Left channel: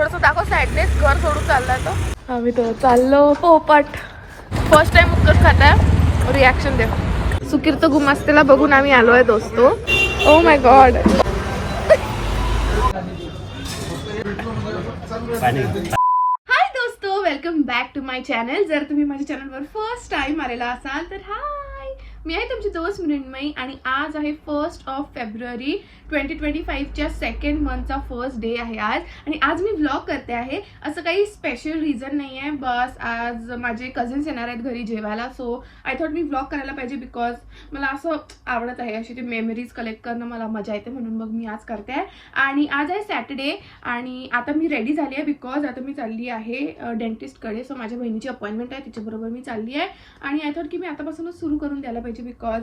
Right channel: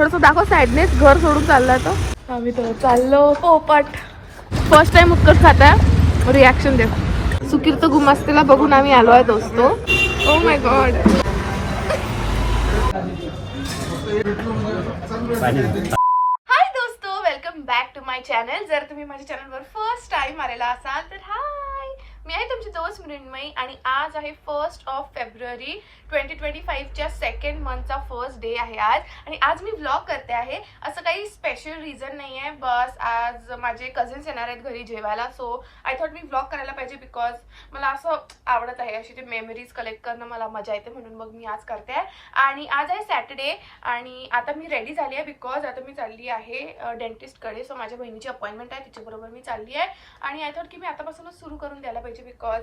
थोडंसं दाखव सॅडनेस. घर सोडून चाललाय तर आम्ही तर चाललो पोपट. फर्स्ट टाइम उत्कर्ष खाताय. रिॲक्शन दे. सुकीर्त गुमास्तेला बघून आम्ही आलो आहे दोस्तो. ओ माय गॉड. हाय दोस्तो, welcome back to my channel. जर तुम्ही माझ्या चॅनलवर फर्स्ट टाइम आलेला असाल तर हाय, मी आहे तुमची दोस्त मृण्मयी आणि आज आहे 1 फेब्रुवारी 2025च्या सेकंड मंथचा फर्स्ट डे आहे आज. आणि आज मी व्लॉग करते आहे. असं काही स्पेशल रिझन नाही आहे, बस आज माझे कझिन्स येणार आहेत घरी जेवायला. So I thought me vlog करायला पाहिजे बिकॉज मला असं आवडत आहे, अशी ते मेमरीज कलेक्ट करणं मला मजा येते, म्हणून मग मी आज करते आहे. आणि आज आहे सॅटर्डे आणि आता मी रेडी झाली आहे बिकॉज आता मी चालली आहे डेंटिस्टकडे. सो माझ्या बहिणीची अपॉइंटमेंट आहे, तिच्याबरोबर मी चालली आहे. आणि आय थॉट की मी आतापासूनच सुरू करून द्यायला पाहिजे बिकॉज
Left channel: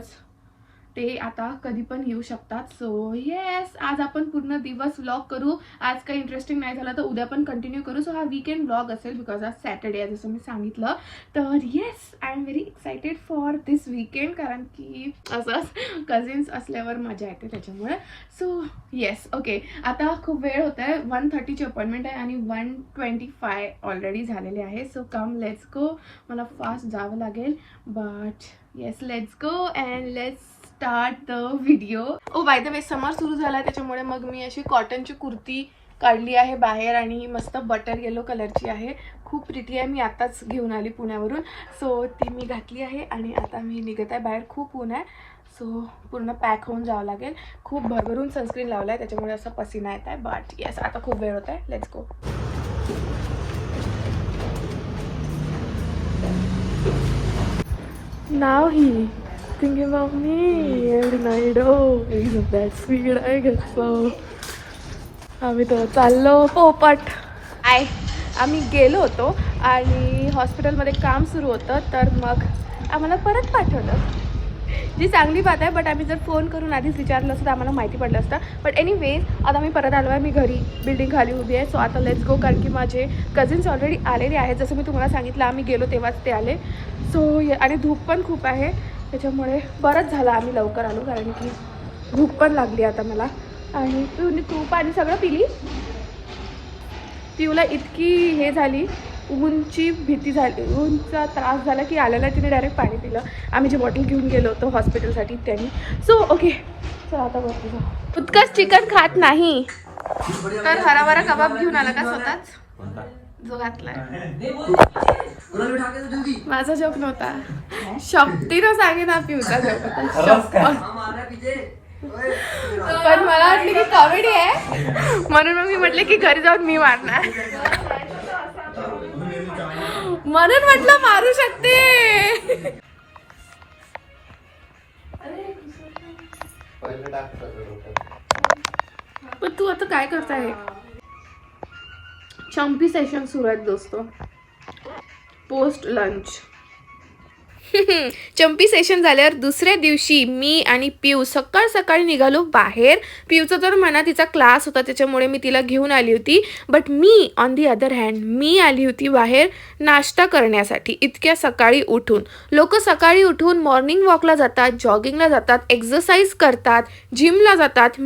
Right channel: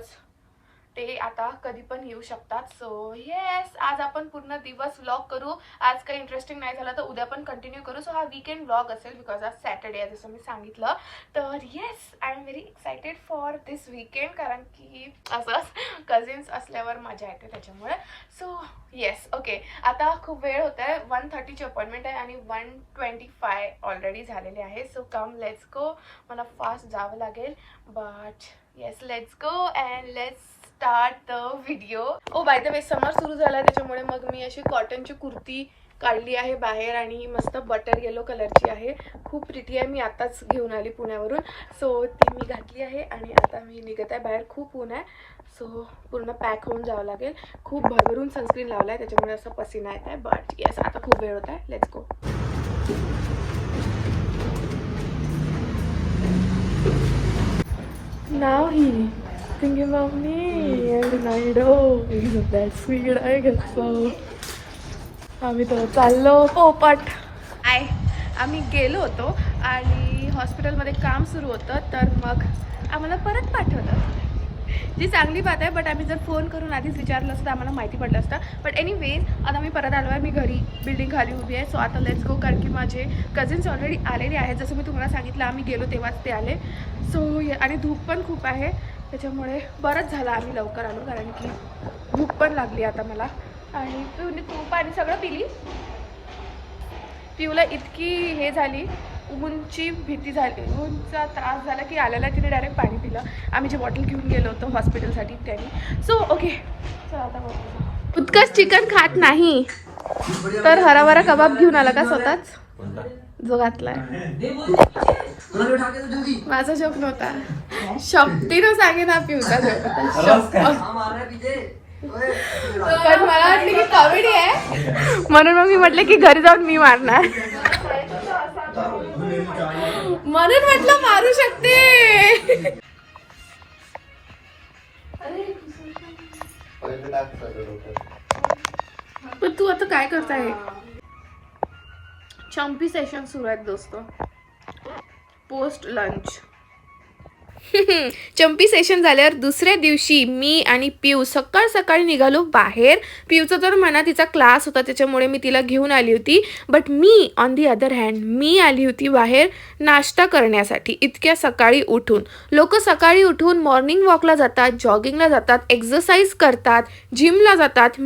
ते आता कधी पण येऊ शकतात. सो येस, आज आपण पूर्ण दिवस व्लॉग करू. आज काही इंटरेस्टिंग नाही झालं तर उद्या पण कंटिन्यू करू. सो हा वीकेंड व्लॉग असेल बिकॉज आज सॅटर्डे आहे जसं मी सांगितलं. तर yes, I am very excited for this weekend, कारण की असं कझिन्स असल्यावर मजा येते त्याच्यामुळे. So yes, okay. आता खूप वेळ होत आहे. 1:30ची अपॉइंटमेंट आहे आणि 1:25 ऑलरेडी झालेले आहे. So come let's go. मला फास्ट जावं लागेल but yes, let's go and let's start the video. Oh by the way, summer सुरू झाला आहे त्याच्यामुळे मग मी अशी कॉटनची कुर्ती काढली आहे बाहेर आणि मस्त बटर येलो कलरची आहे. खूप प्रिटी आहे. मी आताच घेऊन आली पुण्यावरून. सो ती मी घातली आहे आणि आता मी निघत आहे बाहेर. खूप ऊन आहे सो पूर्ण पॅक होऊन जावं लागेल. खूप भरभरून सनस्क्रीन लावला आहे त्याच्यामुळे असं पसीना येत आहे. बट येस, आता खूप वेळ होत आहे. Let's go. Now he thinking of me and my dog and that sweet I get so. आम्ही तर चाललो पोपट. आम्ही गेलो होतो आणि हॉस्पिटलमध्ये काम सुरू होतं तर मग आम्हाला परत पाठवलं. जी चांगली बात आहे, बट आम्ही जर फोन करून आधीच विचारलं असतं तर आम्हाला माहिती पडलं असतं. बट एनिवेज, आता मी परत आलो आहे. मी घरी बिल्डिंग खाली उभी आहे. सो आता लेट्स गो, कारण की माझे कझिन्स ऑलरेडी आलेले आहेत. जसं मी तुम्हाला सांगितलं आम्ही गेलो तेव्हाच ते आले. सो आणि धूप पण खूप आहे त्याच्यामुळे बरंच झालं आम्ही लवकर आलो, कारण की भूक पण लागली आता मला. आणि तू पाणी सगळं पिली. पिऊला इतकी हे झाली, ऊनची भीती झाली, ऊनचा त्रास झाला की आलेला तिने डायरेक्ट पाणी पिलं. आम्ही जे बॉटल घेऊन गेलो होतो हॉस्पिटलसाठी त्यांनी. सो ओके, चला आता वरती जाऊ. उत्कर्ष चिकन खात नाही तर हराभरा कबाब घेऊन आला का स्वतःच, जो घातलाय. माझा जोक नव्हता, शक्तीनं सांगे ना पिऊचा जोक होता. पण मला वाटलं की कॉमेडी आहे म्हणून मग मी म्हटलं की घरी जाऊन मी मारणार, म्हणून म्हटलं मारू शकते. पण तू आता काय करताय. चंपी सेशन सुरू आहेत दोस्तो, पोस्ट लंच. चंपी सेशन झाल्यावर दुसऱ्या दिवशी मी आणि पिऊ सकाळ सकाळी निघालो बाहेर. पिऊचं तर म्हणा तिचा क्लास होता त्याच्यामुळे मी तिला घेऊन आली होती. बट मी ऑन दी अदर हँड मी आली होती बाहेर नाश्ता करण्यासाठी. इतक्या सकाळी उठून लोक सकाळी उठून मॉर्निंग वॉकला जातात, जॉगिंगला जातात, एक्सरसाइज करतात, जिमला जातात.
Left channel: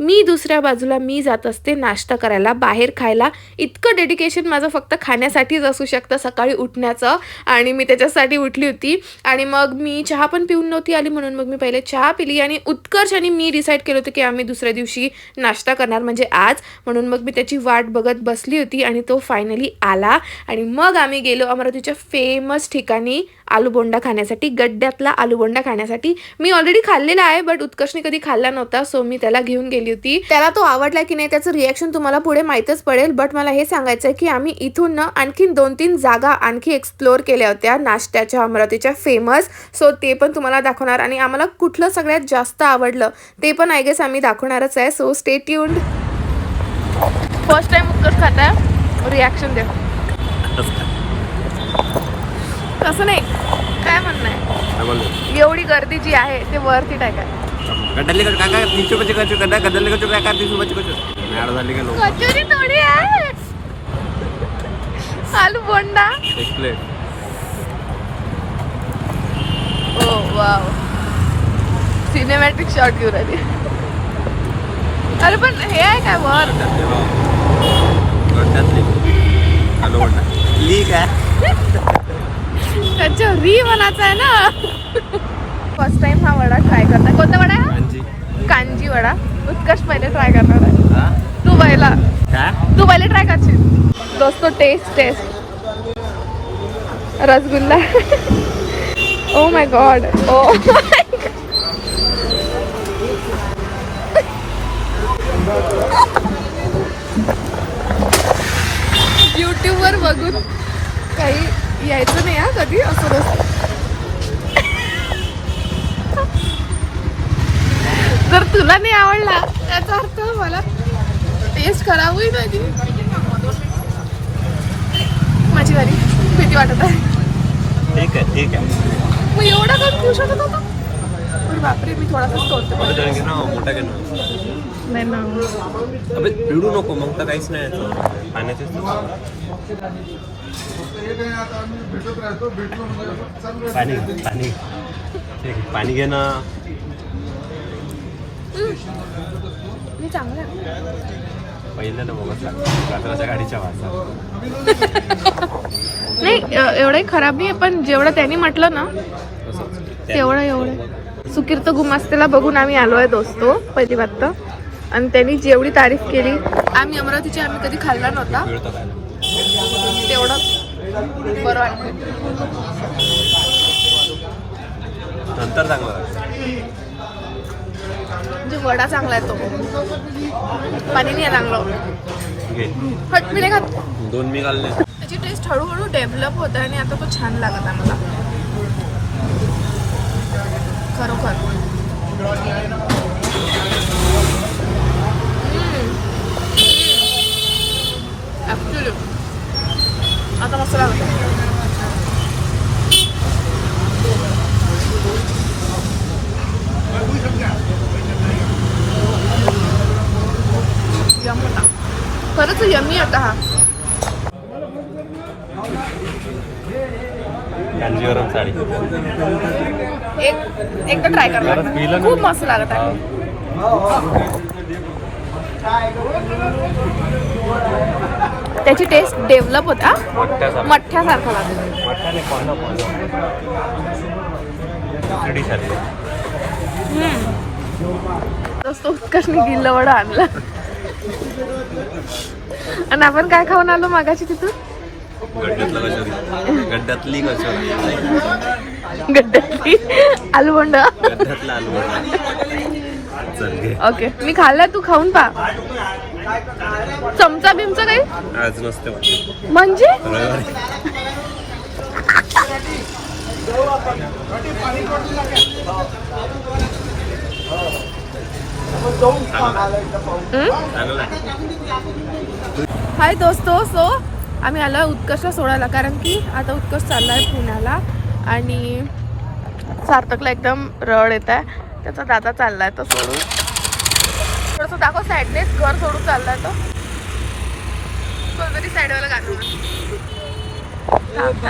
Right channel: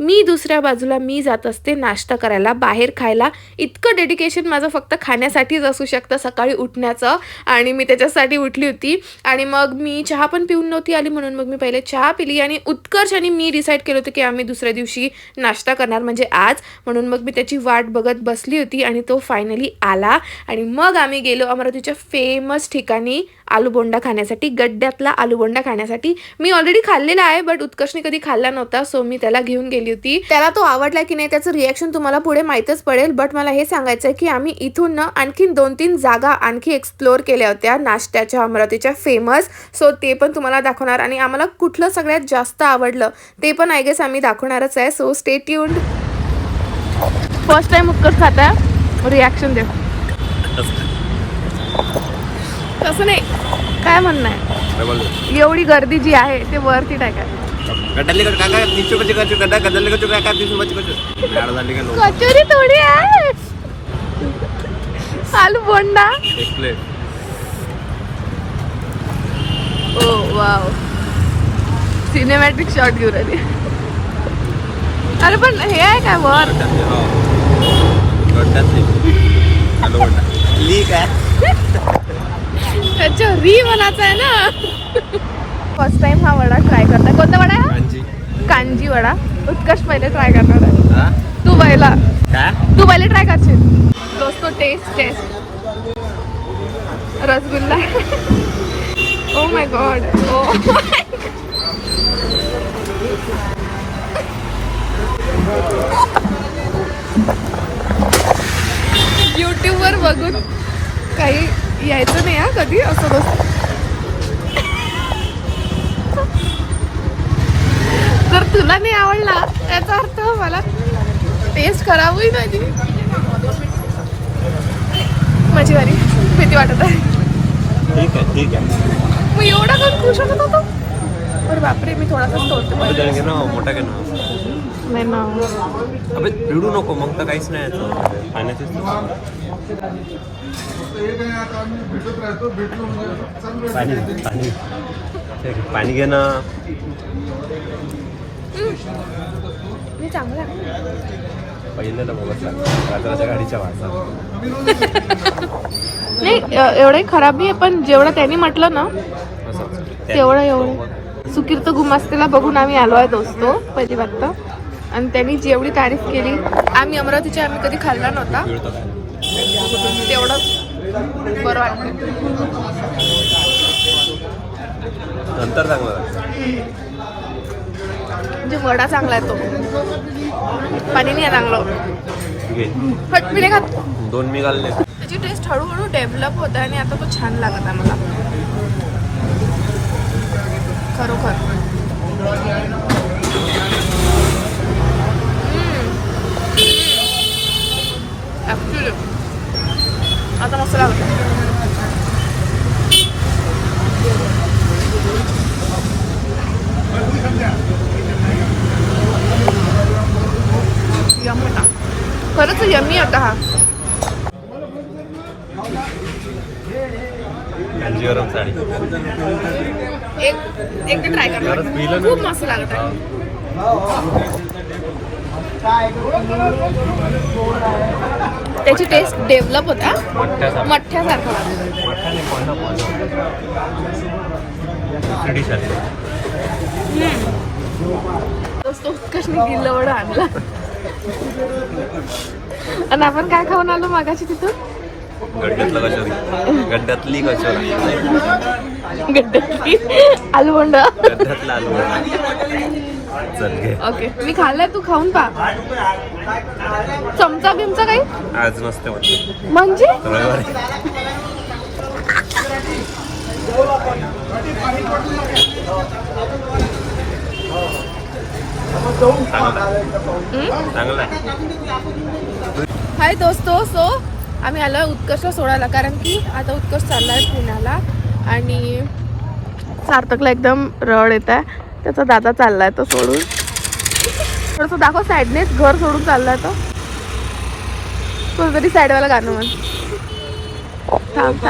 मी दुसऱ्या बाजूला मी जात असते नाश्ता करायला, बाहेर खायला. इतकं डेडिकेशन माझं फक्त खाण्यासाठीच असू शकतं सकाळी उठण्याचं, आणि मी त्याच्यासाठी उठली होती. आणि मग मी चहा पण पिऊन नव्हती आली म्हणून मग मी पहिले चहा पिली आणि उत्कर्ष आणि मी डिसाईड केलं होतं की आम्ही दुसऱ्या दिवशी नाश्ता करणार, म्हणजे आज. म्हणून मग मी त्याची वाट बघत बसली होती आणि तो फायनली आला. आणि मग आम्ही गेलो अमरावतीच्या फेमस ठिकाणी आलूबोंडा खाण्यासाठी, गड्ड्यातला आलूबोंडा खाण्यासाठी. मी ऑलरेडी खाल्लेला आहे बट उत्कर्षने कधी खाल्ला नव्हता, सो मी त्याला घेऊन गेली होती. त्याला तो आवडला की नाही त्याचं रिॲक्शन तुम्हाला पुढे माहीतच पडेल. बट मला हे सांगायचं आहे की आम्ही इथून ना आणखीन 2-3 जागा आणखी एक्सप्लोअर केल्या होत्या नाश्त्याच्या अमरावतीच्या फेमस. सो ते पण तुम्हाला दाखवणार आणि आम्हाला कुठलं सगळ्यात जास्त आवडलं ते पण आय गेस आम्ही दाखवणारच आहे. So stay tuned. First time Utkarsh खाताय, रिॲक्शन दे. तसं नाही, काय म्हणणं आहे, एवढी गर्दी जी आहे ते वरती टाका. कचोरी थोडी आहे, आलू बोंडा. ओ वाव, सिनेमॅटिक शॉट घेऊन आली. अरे पण हे आहे काय वर, आलूवडा लीक आहे. त्याच्या री बनायचा आहे ना. फर्स्ट टाइम हा वडा ट्राय करताय. कोणता वडा आहे हा? कांजी वडा. उत्कर्ष पहिले ट्राय करणार आहे. तू पहिले ट्राय करशील. दोस्तो test rasgulla. Oh my god. Oh YouTube वर बघून काही यायचं नाही हा कधी असं बस. जर तुला नाही आवडला त्याचा अर्थ मला टेस्ट करावंही नाही. माझी वारी भीती वाटत आहे. ठीक आहे. मग एवढा का खुश होत होता. अरे बापरे मी थोडासा तोडते. मोठा घे ना. नाही ना अबे पिडू नको मग तर काहीच नाही पाण्याचे. पाणी घे ना. मी चांगला पहिलं ना बघत रात्राच्या गाडीच्या वाचा. नाही एवढंही खराब नाही पण जेवढं त्यांनी म्हटलं ना तेवढं सुकीर्त गुमास्तेला बघून आम्ही आलो आहे दोस्तो पहिली बात. आणि त्यांनी जेवढी तारीफ केली आम्ही अमरावतीच्या आम्ही कधी खाल्ला नव्हता तेवढं बरं वाटतं. नंतर चांगलं म्हणजे वडा चांगला आहे तो. पाणी नाही चांगलं. हट मी नाही खात. 2 मी घालले. त्याची टेस्ट हळूहळू डेव्हलप होत आहे आणि आता तो छान लागत आहे मला खरोखर. आता मस्त लागतं. यम होता खरंच यमी होता हा. एकदा ट्राय करणार खूप मस्त लागत आहे. त्याची टेस्ट डेव्हलप होता मठ्ठ्यासारखं लागतं. उत्कर्षने गिल्ल वडा आणला आणि आपण काय खाऊन आलो मागाशी तिथून. गड्ड्यातली आलूबोंड. गड्ड्यातला आलूवडा. ओके मी खाल्ला तू खाऊन पा. चमचा बिमचा काही आज नसते म्हणजे हाय दोस्तो. सो आम्ही आलो उत्कर्षला सोडायला कारण की आता उत्कर्ष चाललाय पुण्याला आणि सार्थकला एकदम रड येत आहे. त्याचा दादा चाललाय तो सोडून. थोडंसं दाखव सॅडनेस. घर सोडून चाललाय तो. कोणतरी सॅडवाला गाणं म्हण. थांब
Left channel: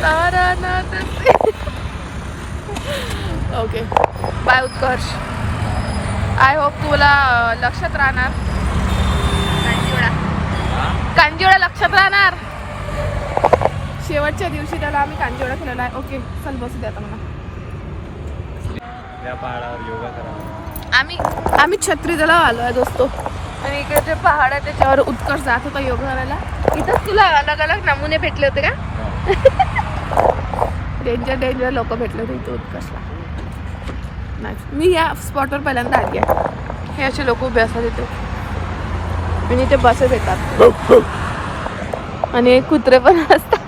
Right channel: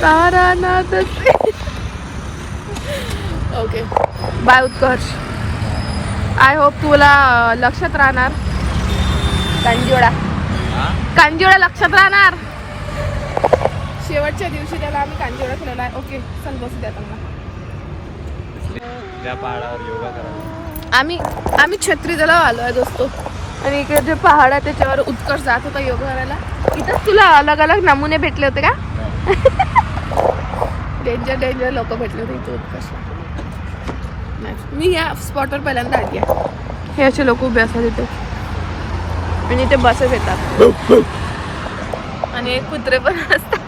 Taranath. Okay bye Utkarsh. I hope तुला लक्षात राहणार. कांजीवडा लक्षात राहणार. शेवटच्या दिवशी त्याला आम्ही कांजीवडा खाल्ला आहे. ओके चल बसू द्या आता मला. त्या पहाडावर योगा करायला आम्ही छत्रीला आलो आहे दोस्तो. आणि इकडे जे पहाड आहे त्याच्यावर उत्कर्ष जात होता योगा करायला. इथंच तुला अलग अलग नमुने भेटले होते का. डेंजर लोक भेटले होते इथे उत्कर्षला. मी या स्पॉटवर पहिल्यांदा आली आहे. हे असे लोक उभे असतात इथे आणि इथे बसेस येतात आणि कुत्रे पण असतात.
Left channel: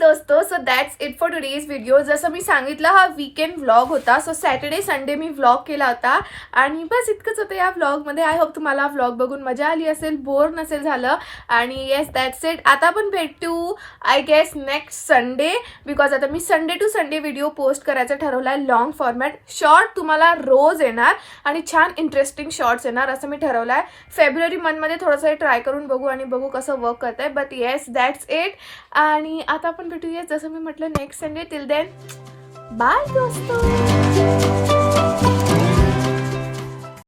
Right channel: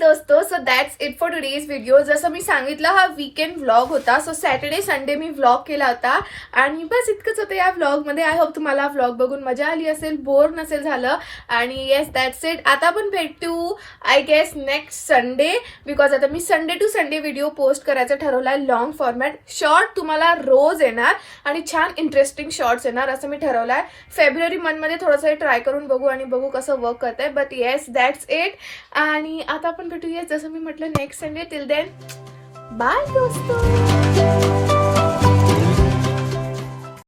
दोस्तो, so that's it for today's video. जसं मी सांगितलं हा वीकेंड व्लॉग होता. सो सॅटर्डे संडे मी व्लॉग केला होता आणि बस इतकंच होतं या व्लॉगमध्ये. आय होप तुम्हाला व्लॉग बघून मजा आली असेल, बोर नसेल झालं. आणि येस दॅट्स इट. आता आपण भेटू I guess next Sunday, because आता मी Sunday to Sunday video post करायचं ठरवलं आहे. लॉंग फॉर्मॅट शॉर्ट तुम्हाला रोज येणार आणि छान इंटरेस्टिंग शॉर्ट्स येणार असं मी ठरवलं आहे. फेब्रुवारी मंथमध्ये थोडंसं ट्राय करून बघू आणि बघू कसं वर्क करत आहे. But yes that's it. आणि आता आपण भेटूया जसं मी म्हटलं next Sunday. Till then bye दोस्तों.